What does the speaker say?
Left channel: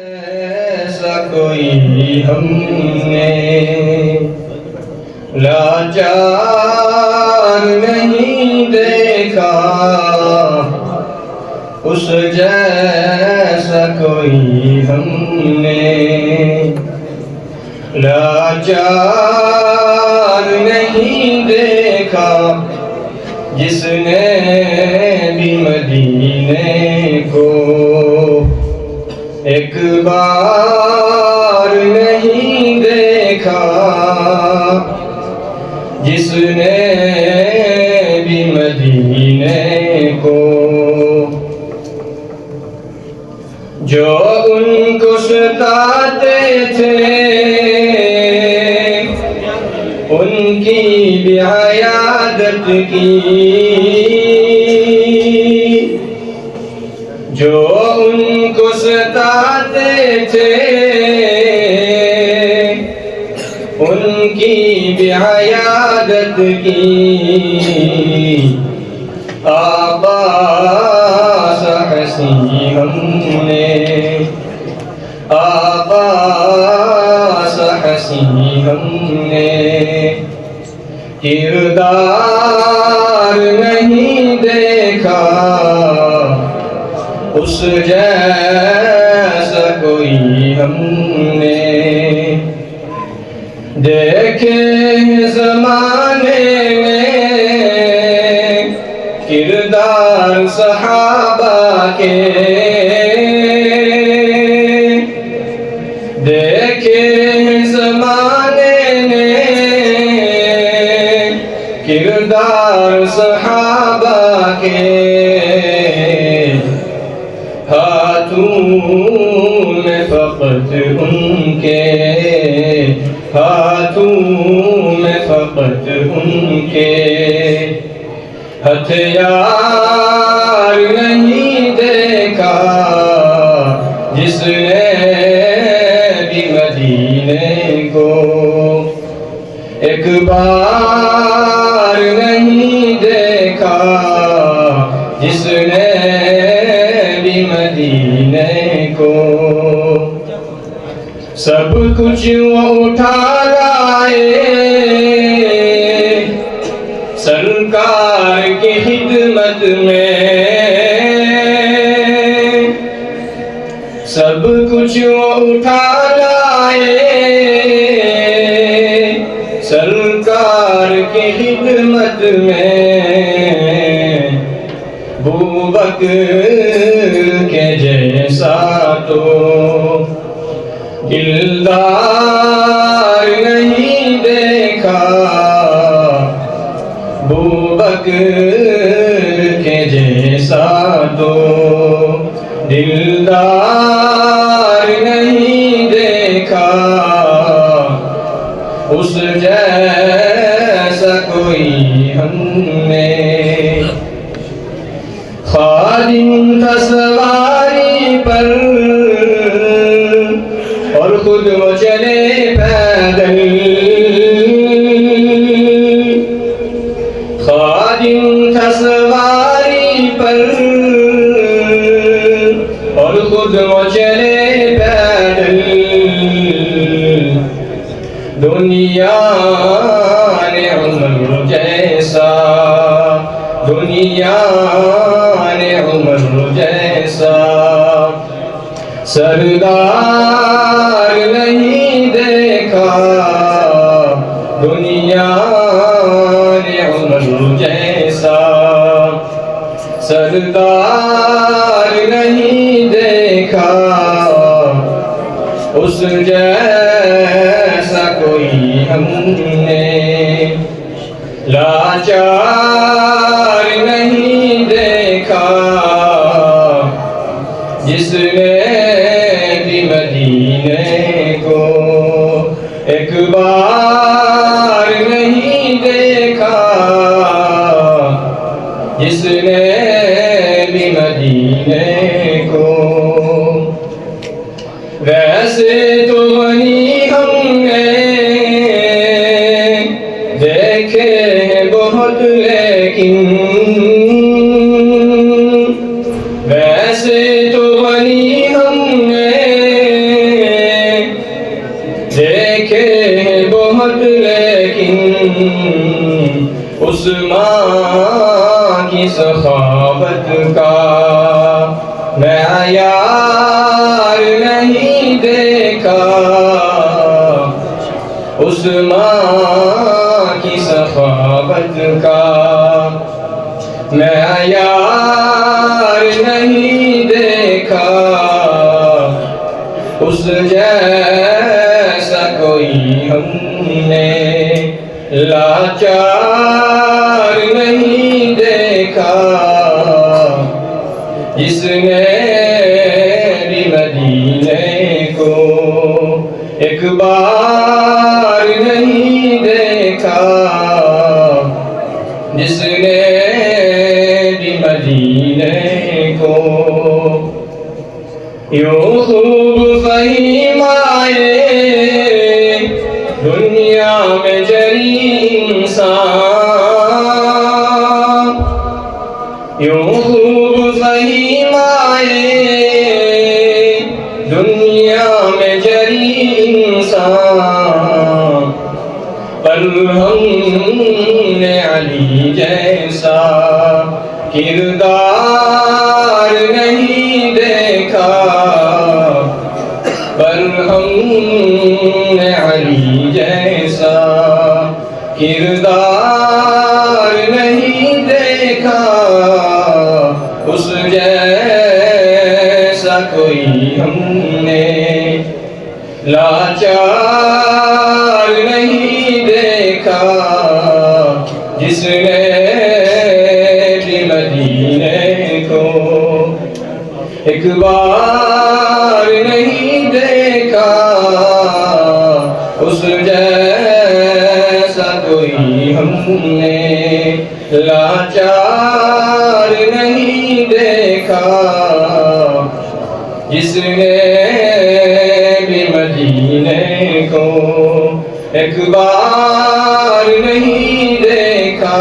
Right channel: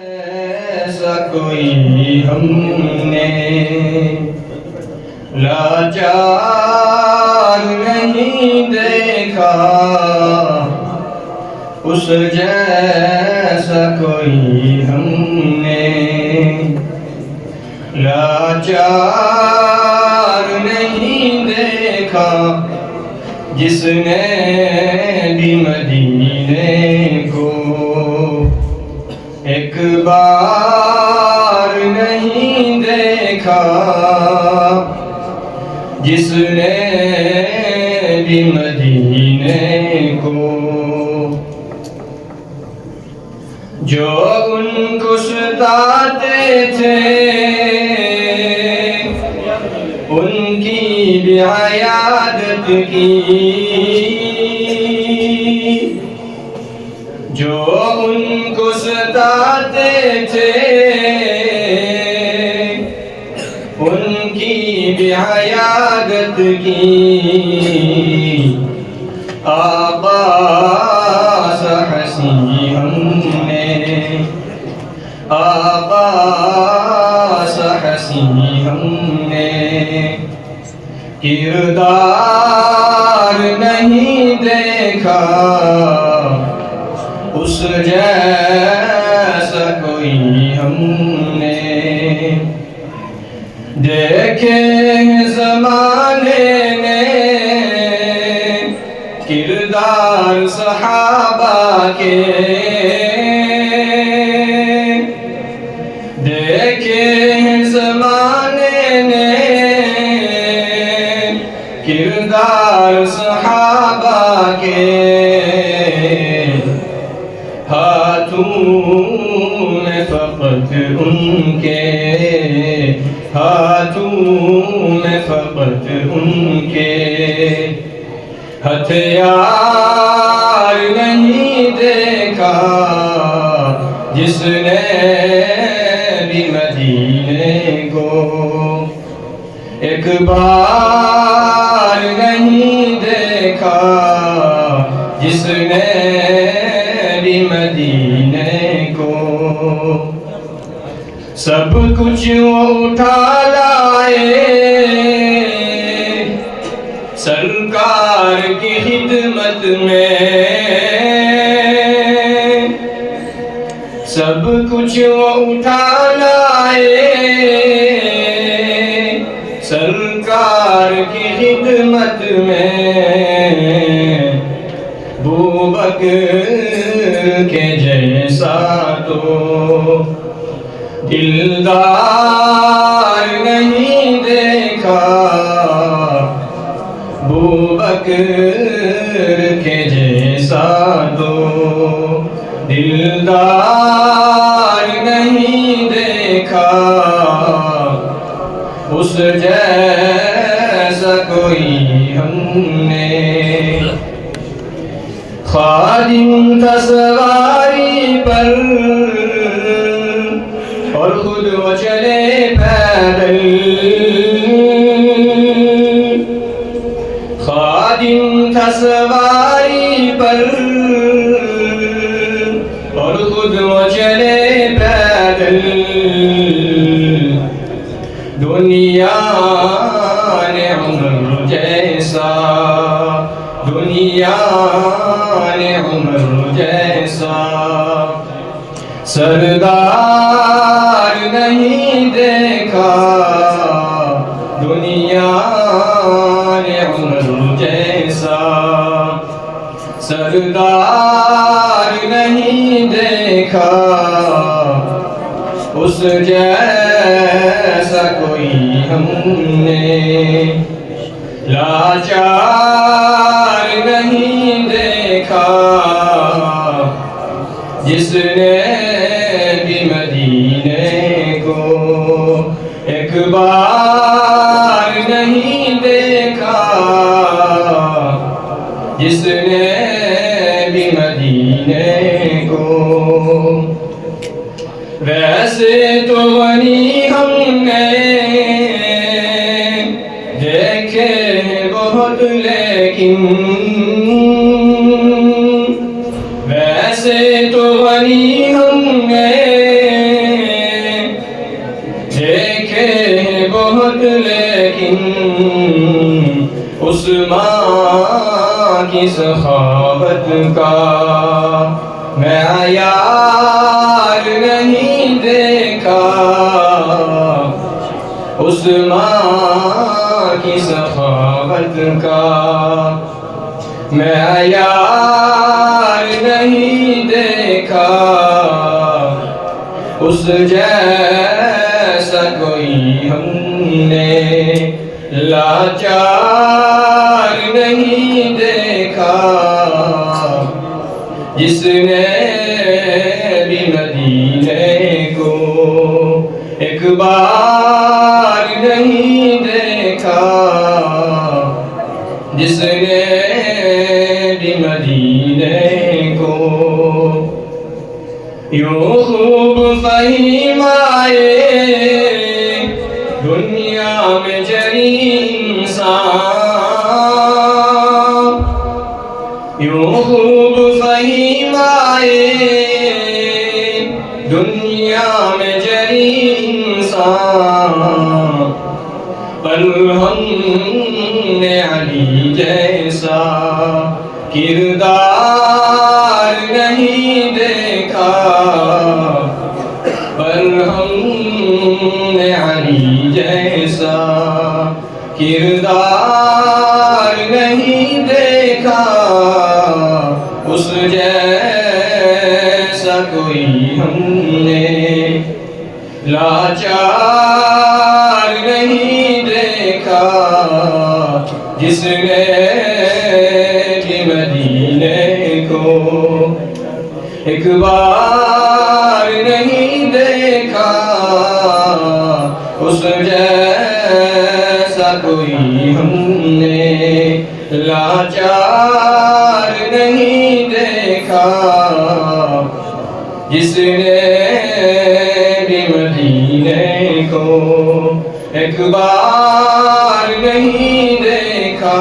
ایسا کوئی ہم نے لاچار نہیں دیکھا، اس جیسا کوئی ہم نے لاچار نہیں دیکھا، جس نے بھی مدینے کو ایک بار نہیں دیکھا، جس نے بھی مدینے کو، جو ان کو ستاتے تھے ان کی بھی عیادت کی، جو ان کو ستاتے تھے ان کی بھی عیادت کی، آباس حسین ہم نے، آباس حسین ہم نے، کردار نہیں دیکھا، اس جیسا کوئی ہم نے، دیکھے زمانے میں کردار صحابہ کے، دیکھے زمانے میں کردار صحابہ کے، ہاتھوں میں فقط ان کے، ہاتھوں میں فقط ان کے ہتھیار نہیں دیکھا، جس نے بھی مدینے کو ایک بار نہیں دیکھا، جس نے بھی مدینے کو، سب کچھ وہ اٹھا لائے سرکار کی خدمت میں، سب کچھ وہ اٹھا لائے سرکار کی خدمت میں، بوبکر کے جیسا تو دلدار نہیں دیکھا، بوبکر کے جیسا تو دلدار نہیں دیکھا، اس جیسا کوئی ہم نے، خادم تھا سواری پر اور خود وہ چلے پیدل، خادم تھا سواری پر اور خود وہ چلے پیدل، دنیا نے عمر جیسا، دنیا نے عمر جیسا سردار نہیں دیکھا، دنیا نے عمر جیسا سردار نہیں دیکھا، اس جیسا کوئی ہم نے لاچار نہیں دیکھا، جس نے بھی مدینے کو ایک بار نہیں دیکھا، جس نے بھی مدینے کو، ویسے تو بنی ہم نے دیکھے بہت، لیکن ویسے تو بنی ہم نے اس ماں کی سخاوت کا معیار نہیں دیکھا، اس جیسا کوئی ہم نے لاچار نہیں دیکھا، جس نے بھی مدینے کو ایک بار نہیں دیکھا، جس نے بھی مدینے کو یوں خوب فہیم آئے دنیا میں جری انسان، یوں خوب فہیم آئے دنیا میں جری انسان، پر ہم نے علی جیسا کردار نہیں دیکھا، پر ہم نے علی جیسا کردار نہیں دیکھا، اس جیسا کوئی ہم نے لاچار نہیں دیکھا، جس نے بھی مدینے کو ایک بار نہیں دیکھا، اس جیسا کوئی ہم نے لاچار نہیں دیکھا، جس نے بھی مدینے کو ایک بار نہیں دیکھا۔